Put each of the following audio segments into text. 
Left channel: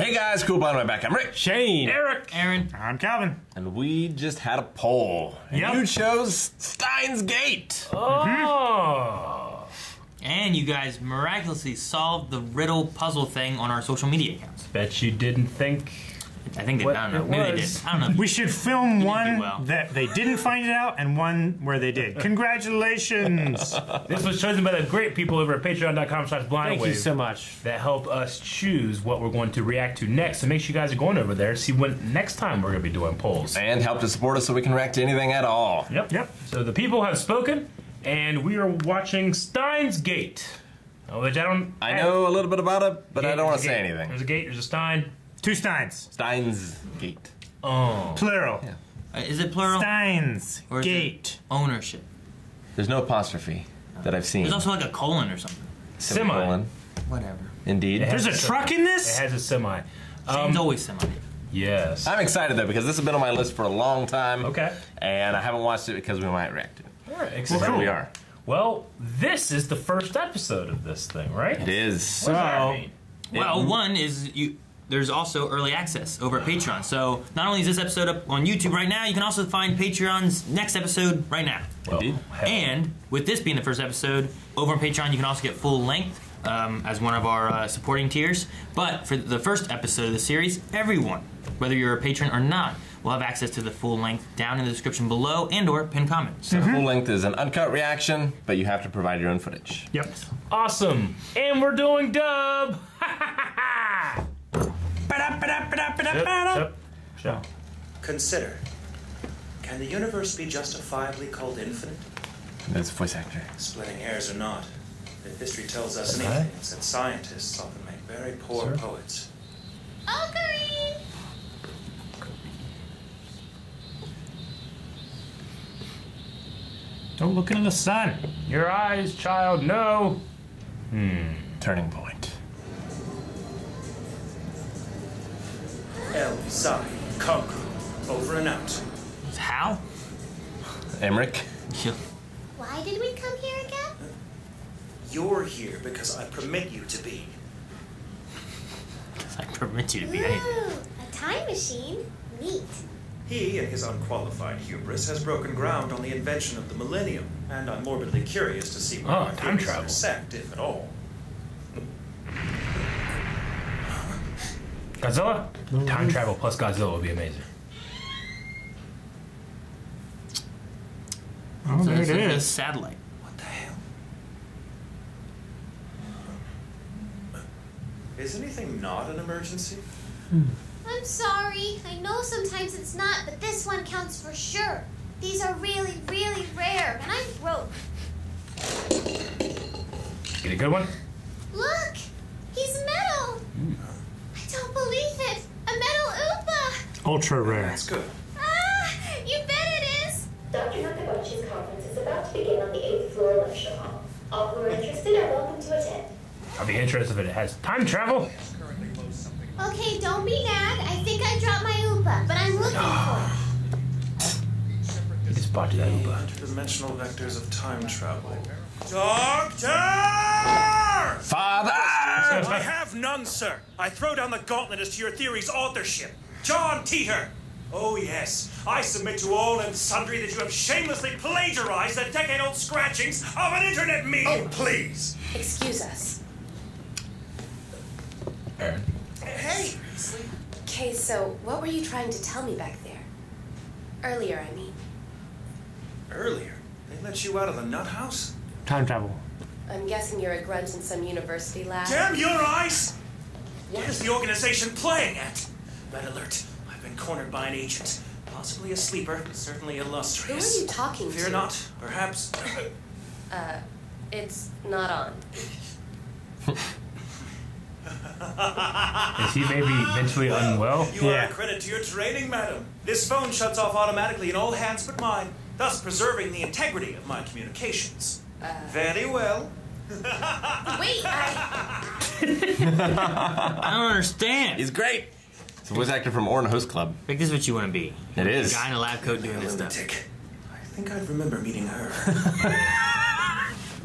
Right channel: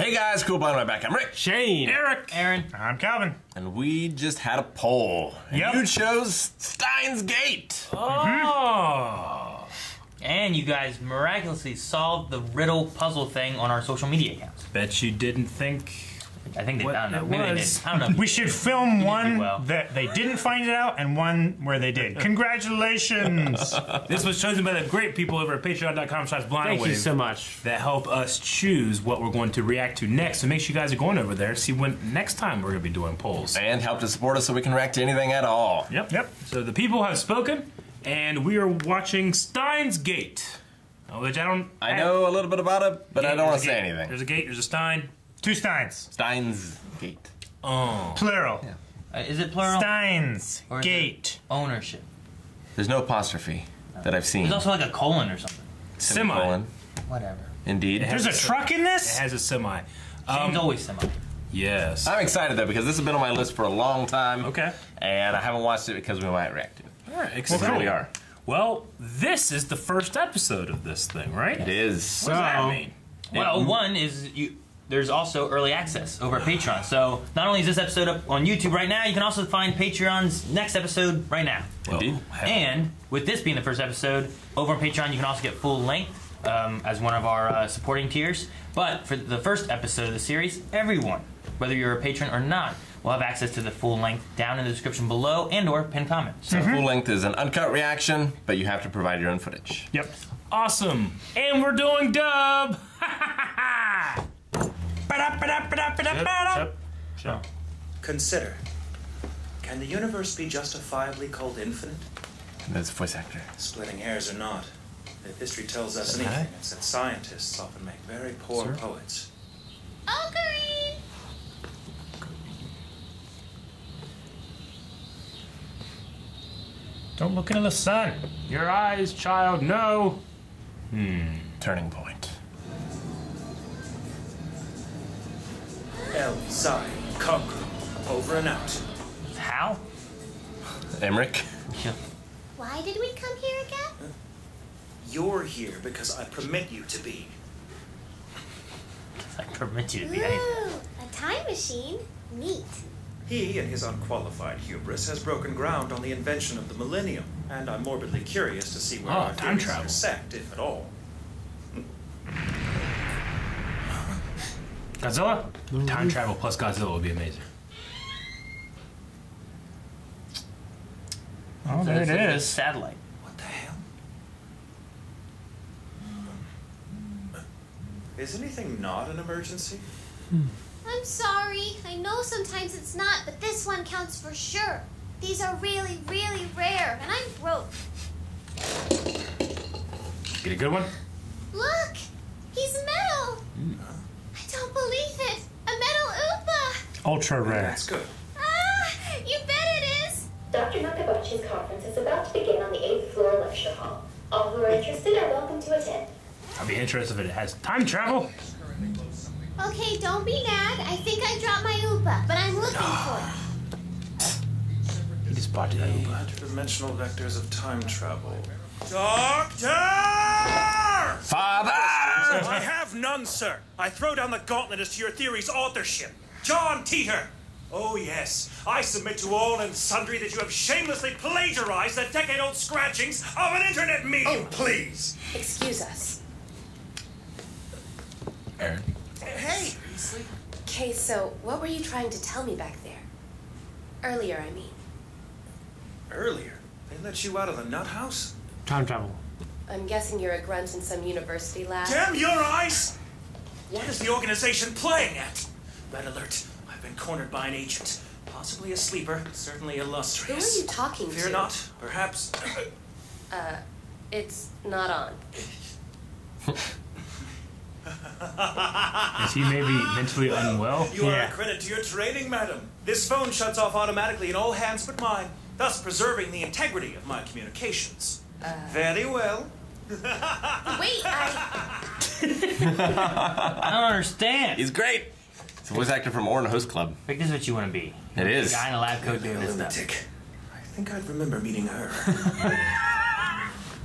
Hey guys, cool behind my back. I'm Rick. Shane. Eric. Aaron. I'm Calvin. And we just had a poll. And Yep. you chose Steins Gate. Oh. And you guys miraculously solved the riddle puzzle thing on our social media accounts. Bet you didn't think. I think they What found it. it Maybe they did. was. I don't know. We should film one well. that they didn't find it out and one where they did. Congratulations! This was chosen by the great people over at patreon.com/blindawave. Thank you so much. That help us choose what we're going to react to next. So make sure you guys are going over there to see when next time we're going to be doing polls. And help to support us so we can react to anything at all. Yep. So the people have spoken, and we are watching Steins Gate. Which I know a little bit about it, but I don't want to say anything. There's a gate, there's a Stein. Two Steins. Steins Gate. Oh. Plural. Yeah. Is it plural? Steins. Or is Gate. it ownership. There's no apostrophe that I've seen. There's also like a colon or something. Semicolon. Whatever. Indeed. There's a truck in It this? has a semi. It's always similar. Yes. I'm excited though because this has been on my list for a long time. Okay. And I haven't watched it because we might react to it. All right, So here we are. Well, this is the first episode of this thing, right? It is. What does that mean? Well, one is there's also early access over at Patreon. So not only is this episode up on YouTube right now, you can also find Patreon's next episode right now. Indeed. And with this being the first episode, over on Patreon you can also get full length as one of our supporting tiers. But for the first episode of the series, everyone, whether you're a patron or not, will have access to the full length down in the description below and/or pinned comment. So Full length is an uncut reaction, but you have to provide your own footage. Yep. Awesome. And we're doing dub. Shut. Consider, can the universe be justifiably called infinite? That's voice actor. Splitting hairs or not, if history tells us anything, it's that scientists often make very poor poets. Ocarine! Don't look into the sun. Your eyes, child, no. Turning point. El Zai Concru, over and out. how? Emmerich. Why did we come here again? You're here because I permit you to be. I permit you to be. Ooh, a time machine. Neat. He, in his unqualified hubris, has broken ground on the invention of the millennium, and I'm morbidly curious to see where our time theories travel. intersect, if at all. Godzilla? Time travel plus Godzilla would be amazing. Oh, there It's it a is. satellite. What the hell? Is anything not an emergency? I'm sorry. I know sometimes it's not, but this one counts for sure. These are really, really rare, and I'm broke. Get a good one? Look! He's metal! I don't believe it! A metal Oopa! Ultra rare. That's good. Ah! You bet it is! Dr. Nakabachi's conference is about to begin on the 8th floor lecture hall. All who are interested are welcome to attend. I'll be interested if it has time travel. Okay, don't be mad. I think I dropped my Oopa, but I'm looking for it. Just bought that The Uber. interdimensional vectors of time travel. Doctor! Father! I have none, sir. I throw down the gauntlet as to your theory's authorship. John Teeter! Oh, yes. I submit to all and sundry that you have shamelessly plagiarized the decade-old scratchings of an internet medium. Oh, please. Excuse us. Aaron. Hey! Okay, so what were you trying to tell me back there? Earlier, I mean. Earlier, they let you out of the nut house? Time travel. I'm guessing you're a grunt in some university lab. Damn your eyes! What is the organization playing at? Red alert. I've been cornered by an agent. Possibly a sleeper, certainly Who are illustrious. you talking to? Fear not. Perhaps... It's not on. Is he maybe mentally unwell? You are a credit to your training, madam. This phone shuts off automatically in all hands but mine, thus preserving the integrity of my communications. Very well. Wait, I I don't understand. He's great. He's a voice actor from Orin Host Club. Rick, this is what you want to be. It is. A guy in a lab coat Clearly doing a this stuff. lunatic. I think I'd remember meeting her.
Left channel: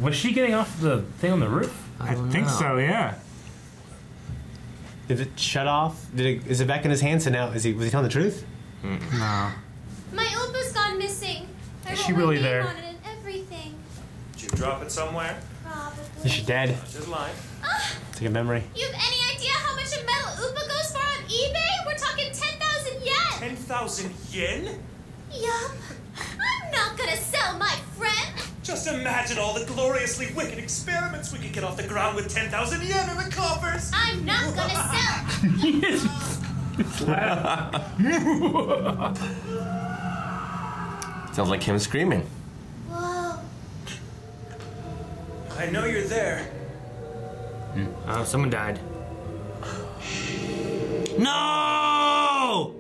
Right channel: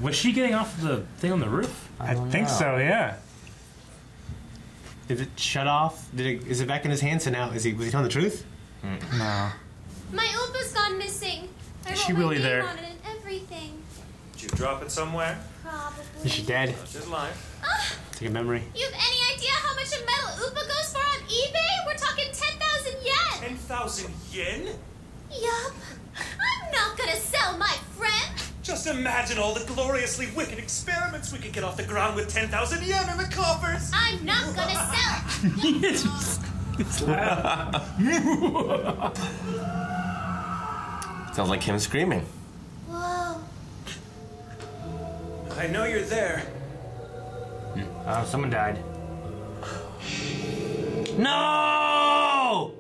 Was she getting off the thing on the roof? I think so, yeah. Did it shut off? Is it back in his hands? So now was he telling the truth? No. My Oopa's gone missing. I Is wrote she my really name there? on it and everything. Did you drop it somewhere? Probably. Is she dead? Such is life. It's like a memory. You have any idea how much a metal Oopa goes for on eBay? We're talking 10,000 yen. 10,000 yen? Yup. I'm not gonna sell my friend. Just imagine all the gloriously wicked experiments we could get off the ground with 10,000 yen in the coffers. I'm not gonna sell. Sounds like him screaming. Whoa. I know you're there. Oh, someone died. No!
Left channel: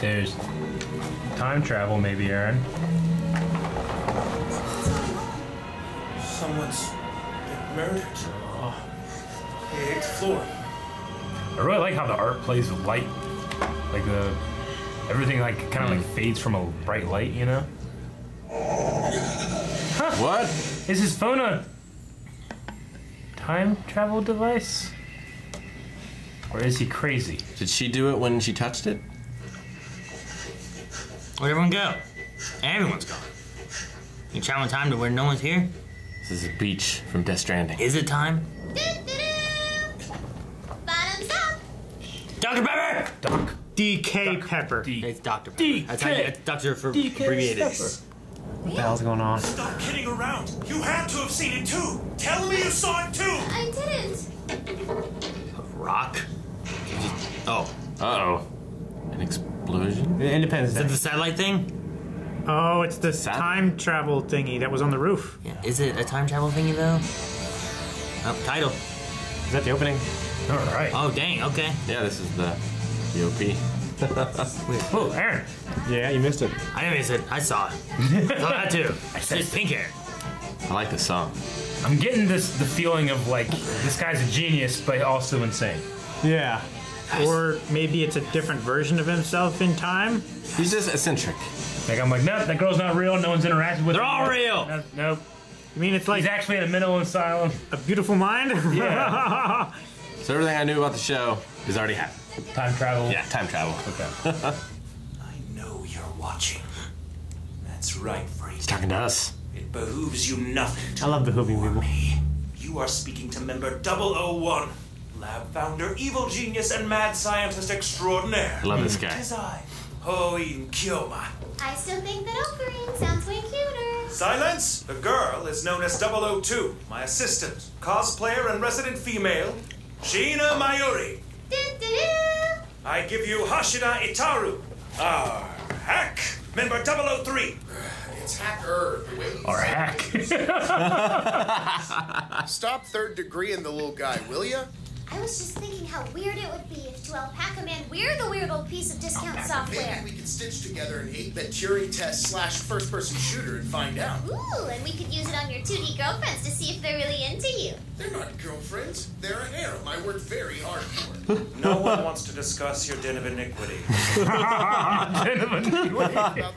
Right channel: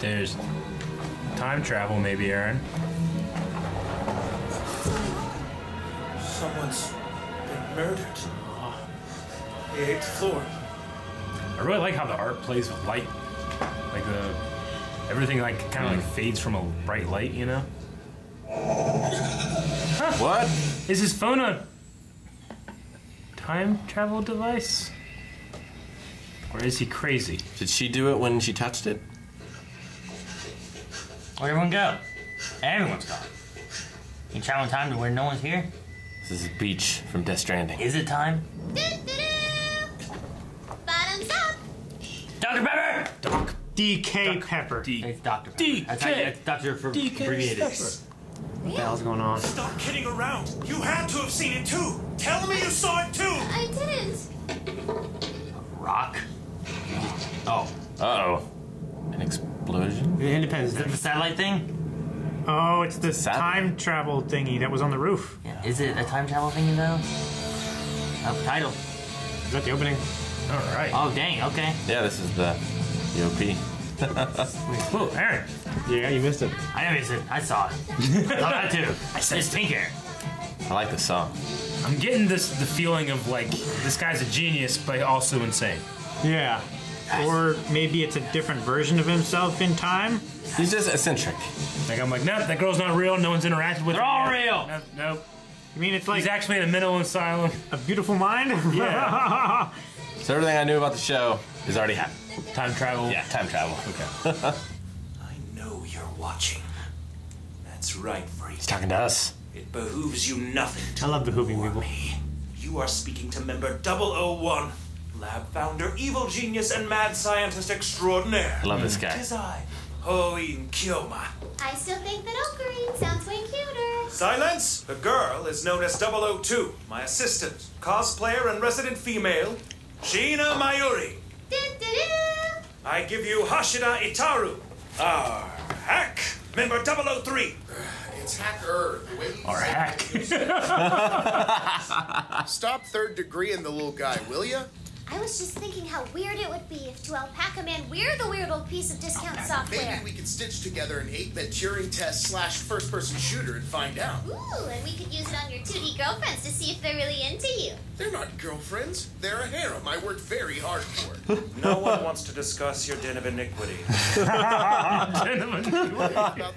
There's time travel, maybe, Aaron. Someone's been murdered. The 8th floor. I really like how the art plays with light. Like everything like kind of like fades from a bright light, you know? What? Is his phone a time travel device? Or is he crazy? Did she do it when she touched it? Where'd everyone go? Everyone's gone. You travel in time to where no one's here? This is a beach from Death Stranding. Is it time? Do-do-do. Bottoms up. Dr. Pepper! Doc. DK Pepper. It's Dr. Pepper. DK. That's how you, that's Dr. for abbreviated. What the hell's going on? Stop kidding around. You had to have seen it too. Tell me you saw it too. I didn't. Rock? Oh. Uh-oh. An explosion? Independence Is it Day. the satellite thing? Oh, it's the Sad. time travel thingy that was on the roof. Yeah. Is it a time travel thingy though? Oh, title. Is that the opening? All right. Oh, dang, okay. Yeah, this is the EOP. Oh, Aaron. Yeah, you missed it. I never said I saw it. I saw that too. It's pink hair. I like the song. I'm getting the feeling of like this guy's a genius, but also insane. Yeah. Or maybe it's a different version of himself in time. He's just eccentric. Like I'm like, nope, that girl's not real. No one's interacted with They're her. all real. Nope. I mean, it's like He's actually in a mental asylum. a beautiful mind. Yeah. So everything I knew about the show has already happened. Time travel. Yeah, time travel. Okay. I know you're watching. That's right, freak. He's talking to us. It behooves you nothing to I love behooving ignore people. me. You are speaking to member 001, lab founder, evil genius, and mad scientist extraordinaire. I love this guy. Tis I, Hoin Kyoma. I still think that Ocarine sounds way cuter. Silence! The girl is known as 002, my assistant, cosplayer, and resident female, Sheena Mayuri. Do-do-do. I give you Hashida Itaru, our hack, member 003. It's hacker. The way you Or hack. Stop third degree in the little guy, will ya? I was just thinking how weird it would be if to Alpaca Man we're the weird old piece of discount software. Maybe we could stitch together an 8-bit Turing test / first-person shooter and find out. Ooh, and we could use it on your 2D girlfriends to see if they're really into you. They're not girlfriends. They're a harem I worked very hard for. No one wants to discuss your den of iniquity. About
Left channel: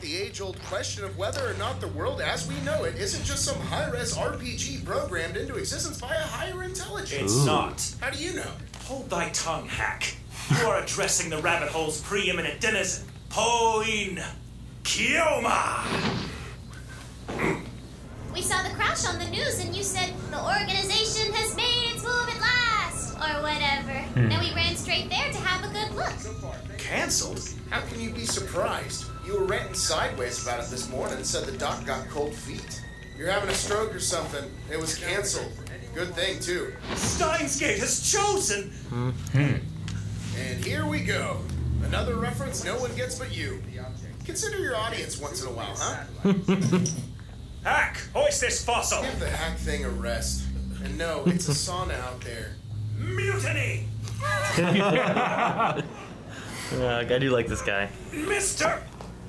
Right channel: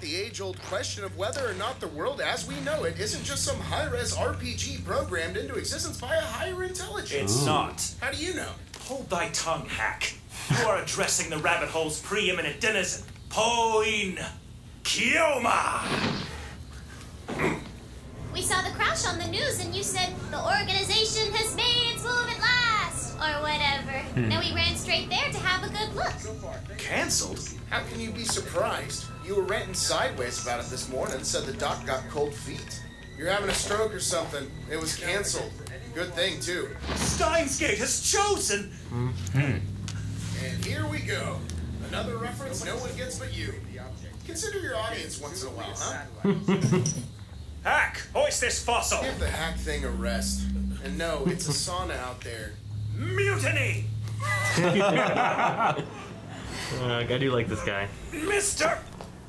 the age-old question of whether or not the world as we know it isn't just some high-res RPG programmed into existence by a higher intelligence. It's not. How do you know? Hold thy tongue, hack. You are addressing the rabbit hole's preeminent denizen, Hoin Kyoma. We saw the crash on the news and you said the organization has made its move at last, or whatever. Then we ran straight there to have a good look. Cancelled? How can you be surprised? You were ranting sideways about it this morning, said the doc got cold feet. You're having a stroke or something. It was canceled. Good thing, too. Steins;Gate has chosen. And here we go. Another reference no one gets but you. Consider your audience once in a while, huh? Hack, hoist this fossil. Give the hack thing a rest. And no, it's a sauna out there. Mutiny, I do like this guy. Mr.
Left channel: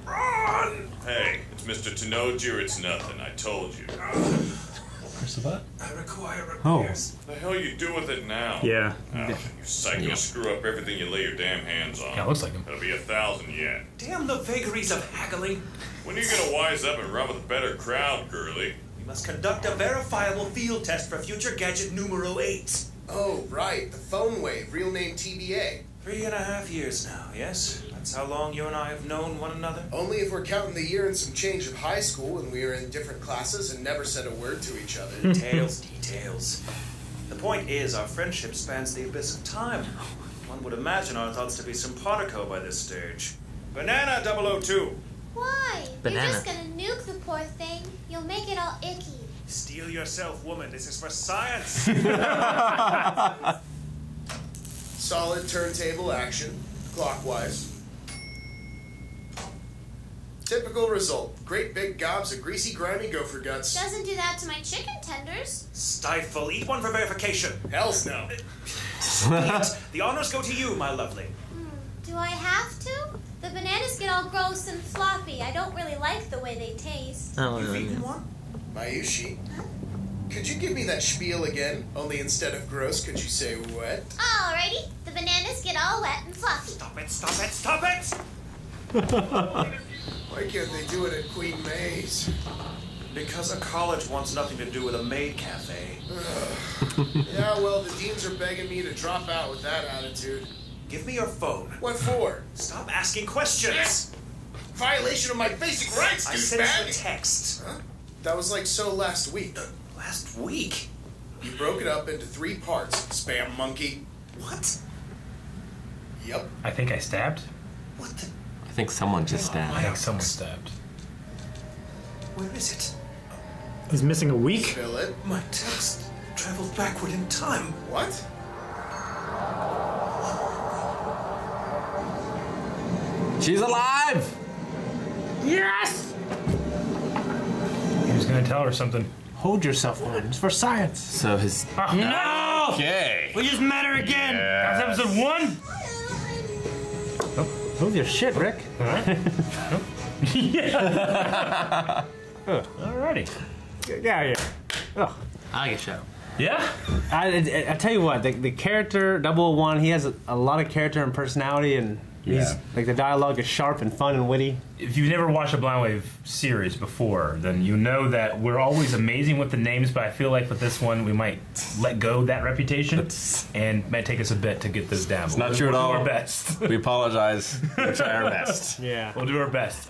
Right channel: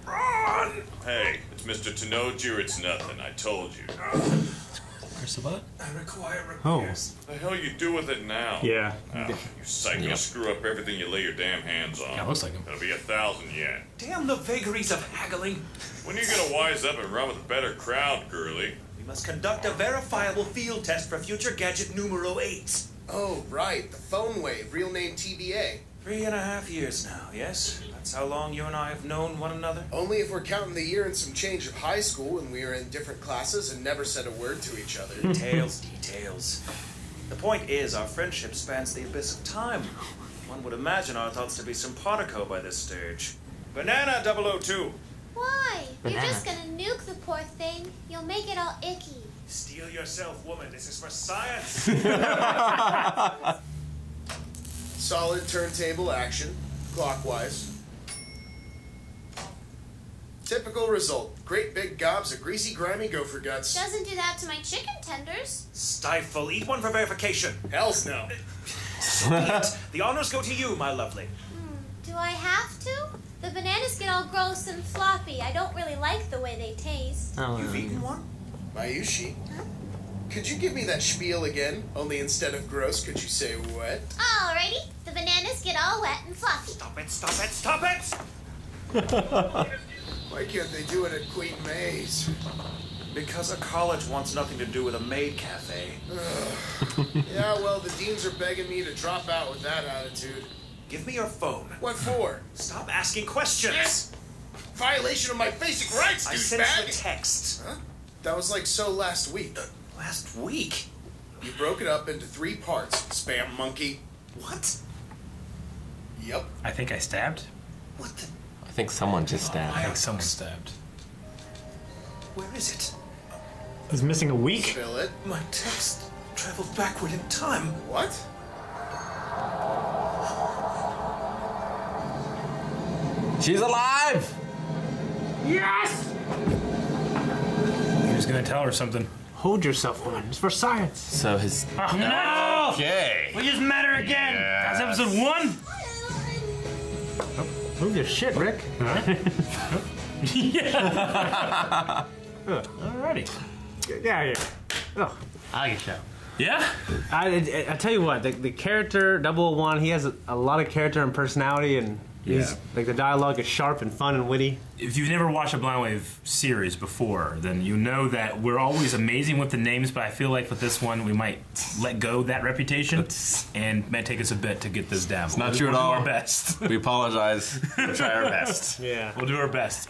Ron. Hey, it's Mr. Tenoji or it's nothing. I told you. I require Oh. repairs. The hell you do with it now? Yeah. Oh, you psycho screw up everything you lay your damn hands on. Yeah, looks like him. It'll be 1,000 yen. Damn the vagaries of haggling. When are you gonna wise up and run with a better crowd, girly? We must conduct a verifiable field test for future gadget numero 8. Oh, right. The phone wave. Real name TBA. 3.5 years now, yes? That's how long you and I have known one another? Only if we're counting the year and some change of high school when we were in different classes and never said a word to each other. Details. The point is, our friendship spans the abyss of time. One would imagine our thoughts to be simpatico by this stage. Banana 002! Why? Banana. You're just gonna nuke the poor thing. You'll make it all icky. Steel yourself, woman. This is for science. Solid turntable action, clockwise. Typical result. Great big gobs of greasy, grimy gopher guts. Doesn't do that to my chicken tenders. Stifle. Eat one for verification. Hells no. So be it. The honors go to you, my lovely. Do I have to? The bananas get all gross and floppy. I don't really like the way they taste. You've eaten one? Mayushi, could you give me that spiel again? Only instead of gross, could you say wet? Alrighty. The bananas get all wet and fluffy. Stop it! Why can't they do it at Queen May's? Because a college wants nothing to do with a maid cafe. Yeah, well, the deans are begging me to drop out with that attitude. Give me your phone. What for? Stop asking questions! Violation of my basic rights, I sent you a douchebag! text. Huh? That was like so last week. Last week? You broke it up into 3 parts, spam monkey. What? Yep. I think I stabbed. What the? I think someone just I stabbed. think someone stabbed. Where is it? He's missing a week. Spill it. My text traveled backward in time. What? She's alive! Yes! Who's gonna tell her something? Hold yourself, woman. It's for science. So his... No! Okay. We just met her again! That's episode 1? Move your shit, Rick. Alrighty. Yeah. Ugh. I get you. Yeah? I tell you what, the character 001, he has a lot of character and personality, and he's like the dialogue is sharp and fun and witty. If you've never watched a Blind Wave series before, then you know that we're always amazing with the names, but I feel like with this one we might let go of that reputation, and it might take us a bit to get this down. It's not true at all. We'll do our best. We apologize. We'll try our best. Yeah. We'll do our best.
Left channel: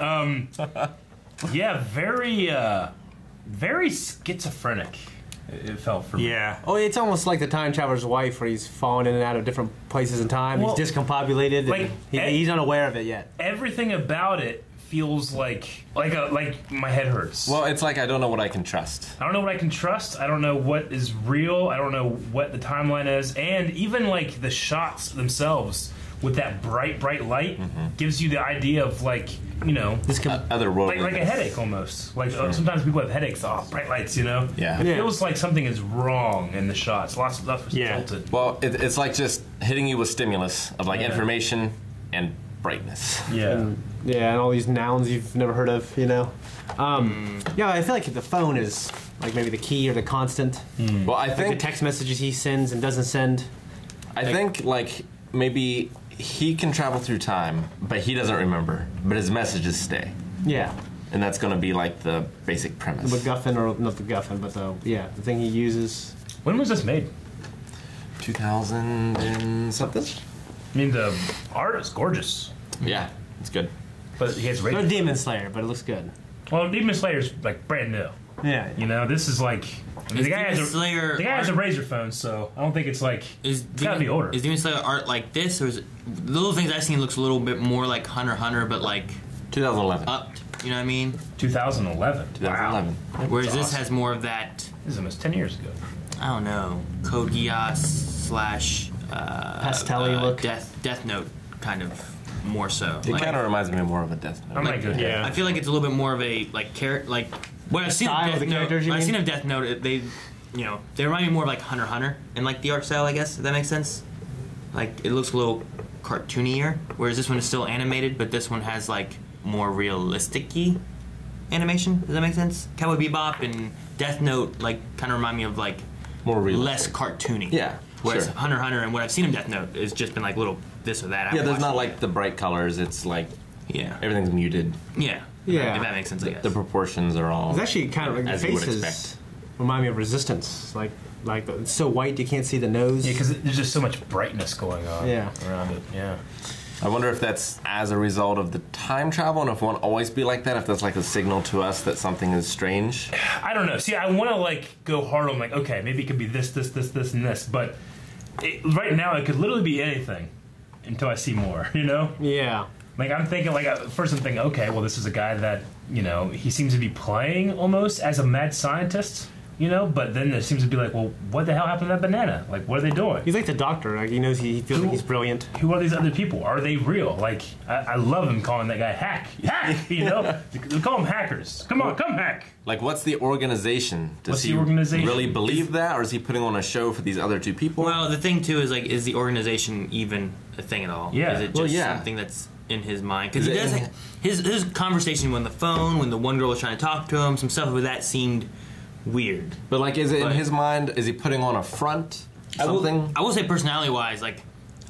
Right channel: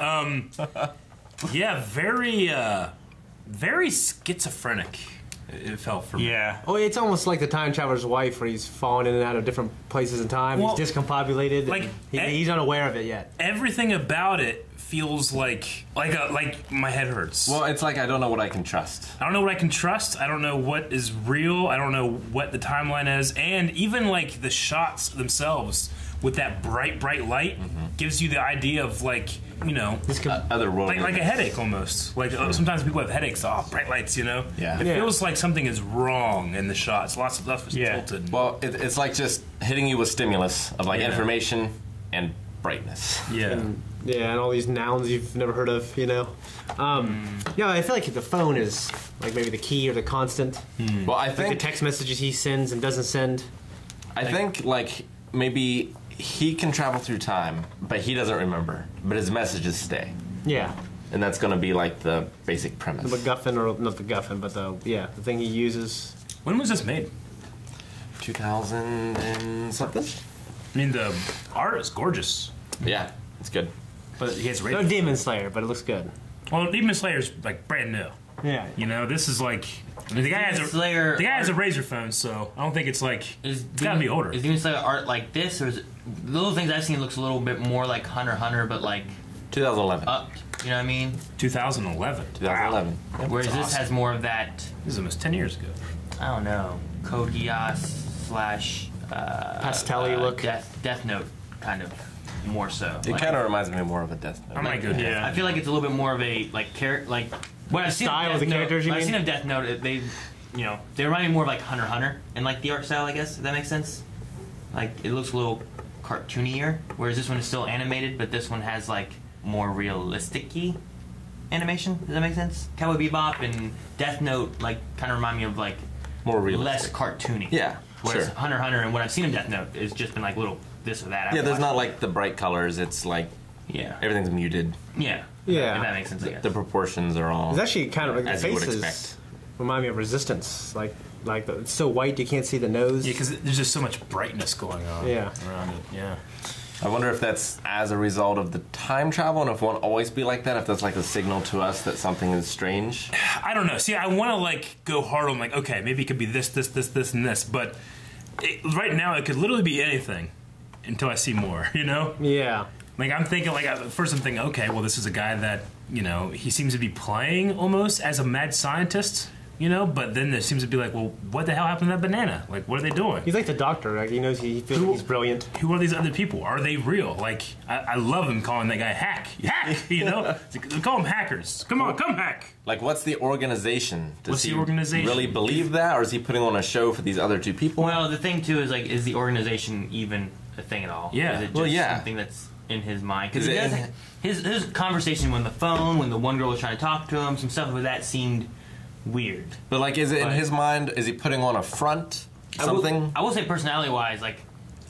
Yeah, very schizophrenic. It felt for me. Yeah. Oh, it's almost like the time traveler's wife, where he's falling in and out of different places in time. Well, he's discombobulated. like, and he's unaware of it yet. Everything about it feels like my head hurts. Well, it's like I don't know what I can trust. I don't know what I can trust. I don't know what is real. I don't know what the timeline is. And even like the shots themselves with that bright light gives you the idea of like, you know, otherworldly. like a headache almost. Like sometimes people have headaches. Oh, bright lights, you know. Yeah. It feels like something is wrong in the shots. Lots of stuff is tilted. Well, it's like just hitting you with stimulus of like information and brightness. Yeah. And all these nouns you've never heard of, you know. Yeah, I feel like the phone is like maybe the key or the constant. Well, I think like the text messages he sends and doesn't send. I think like maybe he can travel through time, but he doesn't remember. But his messages stay. Yeah. And that's going to be like the basic premise. The MacGuffin, or not the MacGuffin, but the thing he uses. When was this made? 2000 and something. I mean, the art is gorgeous. Yeah, it's good. But he has No Demon Slayer, but it looks good. Well, Demon Slayer's like brand new. Yeah. You know, this is like the guy has a Razor phone, so I don't think it's like it's gotta be older. Is Demon Slayer art like this, or is it little things I've seen looks a little bit more like Hunter x Hunter, but like 2011. Upped, you know what I mean? 2011. 2011. Wow. Whereas That's this awesome. has more of that. This is almost 10 years ago. I don't know, Code Geass / Pastel-y look. Death Note kind of more so. It kind of reminds me more of a Death Note. I feel like it's a little bit more of a like character like. When I've seen style of Death the characters, you Note, when I've mean? seen of Death Note, they remind me more of like Hunter x Hunter and like the art style, I guess, if that makes sense. Like it looks a little cartoonier, whereas this one is still animated, but this one has like more realistic-y animation. Does that make sense? Cowboy Bebop and Death Note like kind of remind me of like more realistic. less cartoony. Yeah, Whereas sure. Hunter x Hunter and what I've seen in Death Note has just been like little this or that. Yeah, there's not like the bright colors. It's like everything's muted. Yeah. Yeah. If that makes sense, I guess. The proportions are all. It's actually kind of like as the you would faces expect. remind me of Resistance. Like Like it's so white you can't see the nose. Yeah, because there's just so much brightness going on around it. Yeah. I wonder if that's as a result of the time travel, and if it won't always be like that, if that's like a signal to us that something is strange. I don't know. See, I want to like go hard on like, okay, maybe it could be this, and this, but right now it could literally be anything until I see more. You know? Yeah. Like I'm thinking, like first I'm thinking, okay, well this is a guy that he seems to be playing almost as a mad scientist. But then there seems to be like, well, what the hell happened to that banana? Like, what are they doing? He's like the doctor. Like, he knows he feels like he's brilliant. Who are these other people? Are they real? Like, I love him calling that guy Hack. They call them hackers. Come on, come hack. Like, what's the organization? What's the organization? Really believe that, or is he putting on a show for these other two people? Well, the thing too is like, is the organization even a thing at all? Yeah. Is it just something that's in his mind? Because his conversation on the phone when the one girl was trying to talk to him, some stuff with that seemed weird. But like, is it in his mind? Is he putting on a front? Something? I will say, personality-wise, like,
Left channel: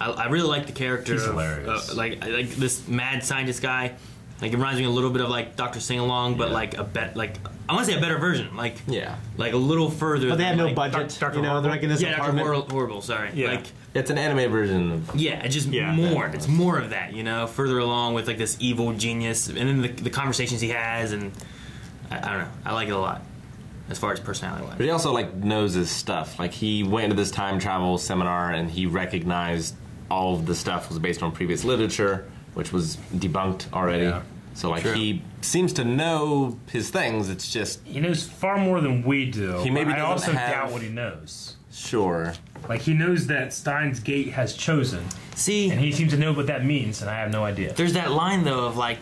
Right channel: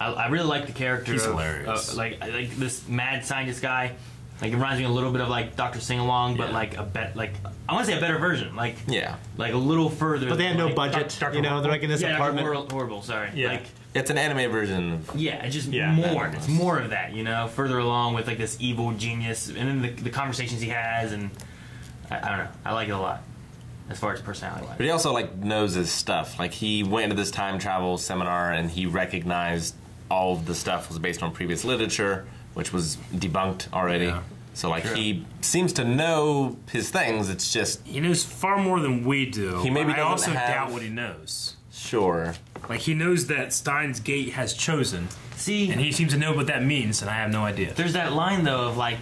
I really like the character. He's hilarious. Like this mad scientist guy. Like, it reminds me a little bit of like Dr. Sing-Along, but like I want to say a better version. Like, like a little further. But they have no like, budget. They're like in this apartment. Horrible. Sorry. Yeah. Like, it's an anime version. Just more. It's more of that. Further along with like this evil genius, and then the conversations he has, and I don't know. I like it a lot. As far as personality-wise. But he also, like, knows his stuff. Like, he went into this time travel seminar and he recognized all of the stuff was based on previous literature, which was debunked already. Yeah. So, like, he seems to know his things. It's just... He knows far more than we do. He maybe I also doubt what he knows. Sure. Like, he knows that Steins Gate has chosen. See... And he seems to know what that means, and I have no idea. There's that line, though, of, like...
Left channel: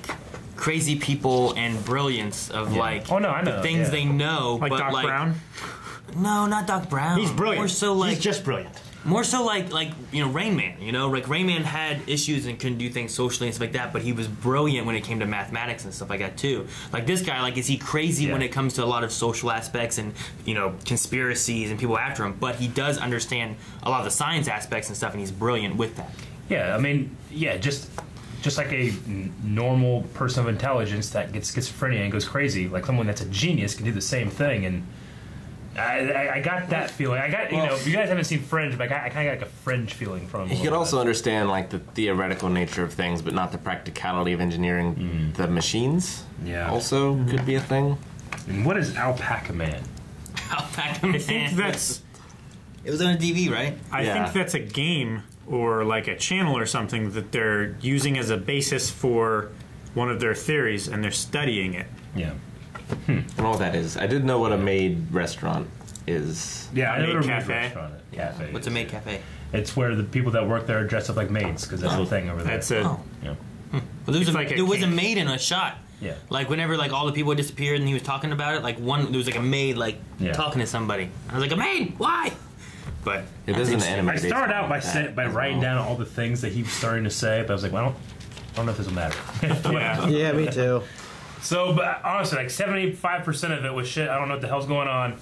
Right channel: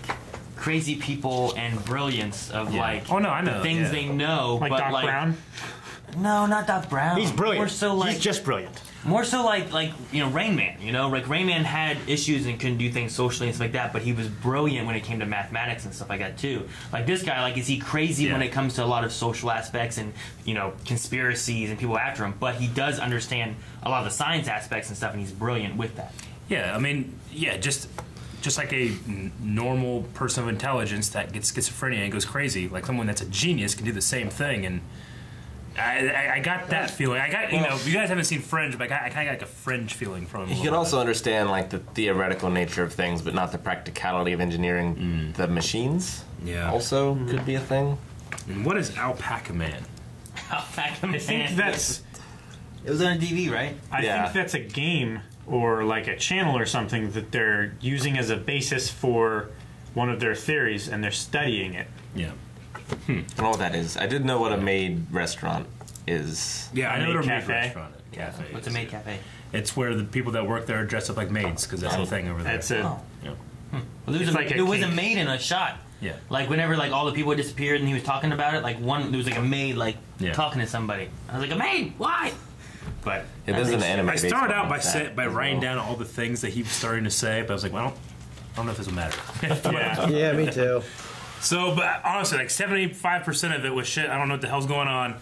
crazy people and brilliance of like I know the things they know, like but Doc Brown. No, not Doc Brown. He's brilliant. More so like he's just brilliant. More so like Rain Man. Like Rain Man had issues and couldn't do things socially and stuff like that, but he was brilliant when it came to mathematics and stuff like that too. Like this guy, like is he crazy when it comes to a lot of social aspects and conspiracies and people after him? But he does understand a lot of the science aspects and stuff, and he's brilliant with that. Yeah, I mean, just like a normal person of intelligence that gets schizophrenia and goes crazy, like someone that's a genius can do the same thing. And I got that feeling. I got, you guys haven't seen Fringe, but I kind of got like a Fringe feeling from him. He could also understand like the theoretical nature of things, but not the practicality of engineering the machines. Yeah. Also could be a thing. And what is Alpaca Man? Alpaca Man. I think that's... It was on a TV, right? I think that's a game or like a channel or something that they're using as a basis for one of their theories, and they're studying it. Yeah. I don't know what that is. I did know what a maid restaurant is. Yeah, I know what a cafe. restaurant is. Cafe. What's a maid cafe? It's where the people that work there dress up like maids, because that's the thing over there. That's it. Oh. Yeah. Well, there was a maid in a shot. Yeah. Like whenever like all the people had disappeared and he was talking about it, like there was like a maid like talking to somebody. I was like, a maid? Why? But it is an anime. I started out by writing down all the things that he was starting to say, but I was like, well, I don't know if this will matter. Yeah, me too. So, but honestly, like 75% of it was shit. I don't know what the hell's going on.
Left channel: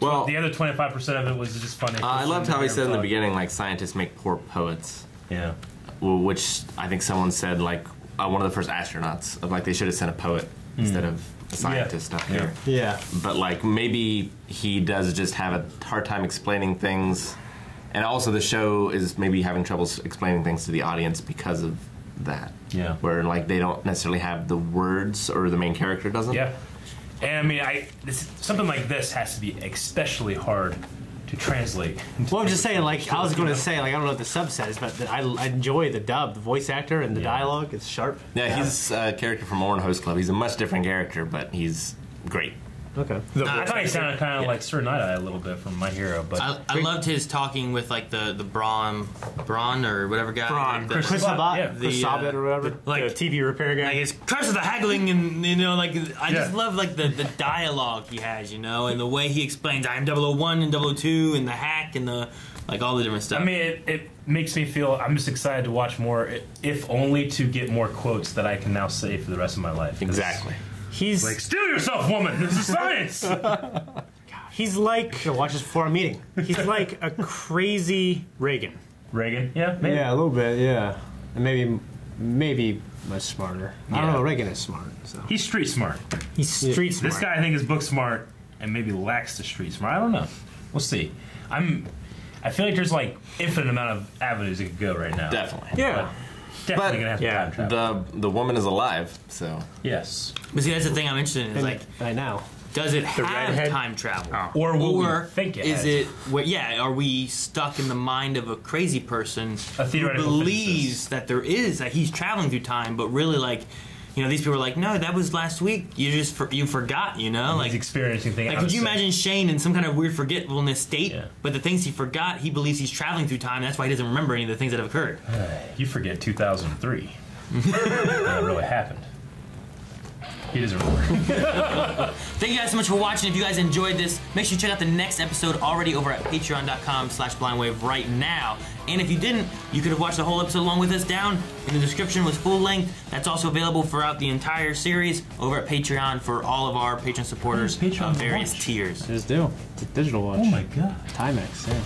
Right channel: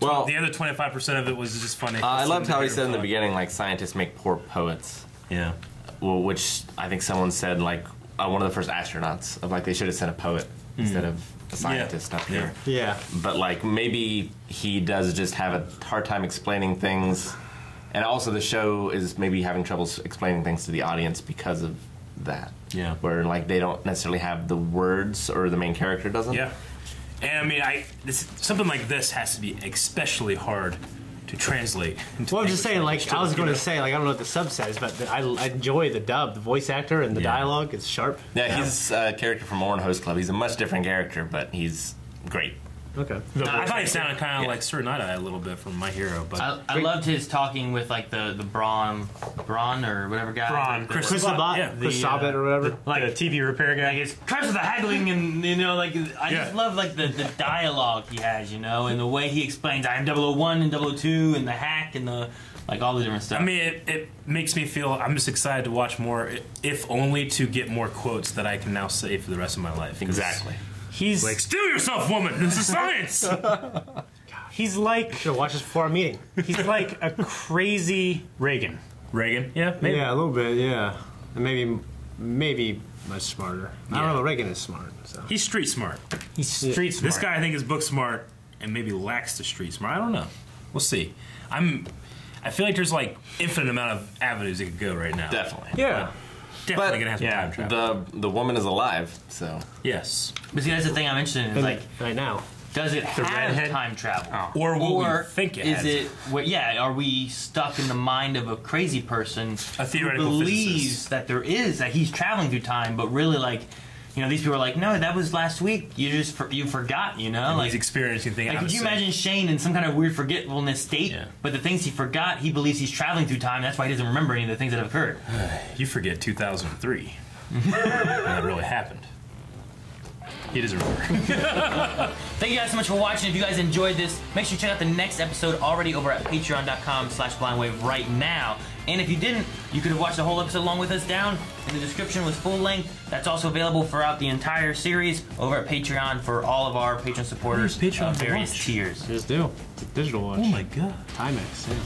Well, the other 25% of it was just funny. I loved how he said in the beginning, like scientists make poor poets. Yeah. Well, which I think someone said, like one of the first astronauts, of like they should have sent a poet instead of a scientist up here. Yeah. But like maybe he does just have a hard time explaining things, and also the show is maybe having trouble explaining things to the audience because of that. Yeah. Where like they don't necessarily have the words, or the main character doesn't. Yeah. And I mean, something like this has to be especially hard to translate. Well, I'm just saying, like, I was going to say, like, I don't know what the sub says, but I enjoy the dub, the voice actor, and the dialogue. It's sharp. Yeah, he's a character from Oran Host Club. He's a much different character, but he's great. Okay. I thought he sounded kind of like Sir Night-Eye a little bit from My Hero, but I loved his talking with like the Braun or whatever guy. Braun, Chris Sabat, Chris Sabat or whatever. Like the TV repair guy. Like it's curse of the haggling, and like I just love like the dialogue he has, and the way he explains I am 001 and 002 and the hack and the like all the different stuff. I mean, it makes me feel I'm just excited to watch more, if only to get more quotes that I can now say for the rest of my life. Exactly. He's like, steal yourself, woman! This is science! He's like... Should watch this before our meeting. He's like a crazy Reagan. Reagan? Yeah, maybe. Yeah, a little bit, yeah. And maybe much smarter. I don't know, Reagan is smart. So. He's street smart. He's street smart. This guy, I think, is book smart and maybe lacks the street smart. I don't know. We'll see. I feel like there's like infinite amount of avenues it could go right now. Definitely. Yeah. Definitely gonna have to time travel. The woman is alive, so Yes. But see, that's the thing I'm interested in. Is like, right now. does it have redhead? time travel? Or will we think it is has? it? Are we stuck in the mind of a crazy person A theoretical who believes physicist. that there is that he's traveling through time, but really like, these people are like, no, that was last week. You forgot, And like he's experiencing things. Like, could you imagine Shane in some kind of weird forgetfulness state? Yeah. But the things he forgot, he believes he's traveling through time. That's why he doesn't remember any of the things that have occurred. You forget 2003. That really happened. He doesn't remember. Thank you guys so much for watching. If you guys enjoyed this, make sure you check out the next episode already over at patreon.com/blindwave right now. And if you didn't, you could have watched the whole episode along with us. Down in the description was full length. That's also available throughout the entire series over at Patreon for all of our Patreon supporters Patreon of various watch? tiers. Just do. It's a digital watch. Oh my god. Timex, yeah.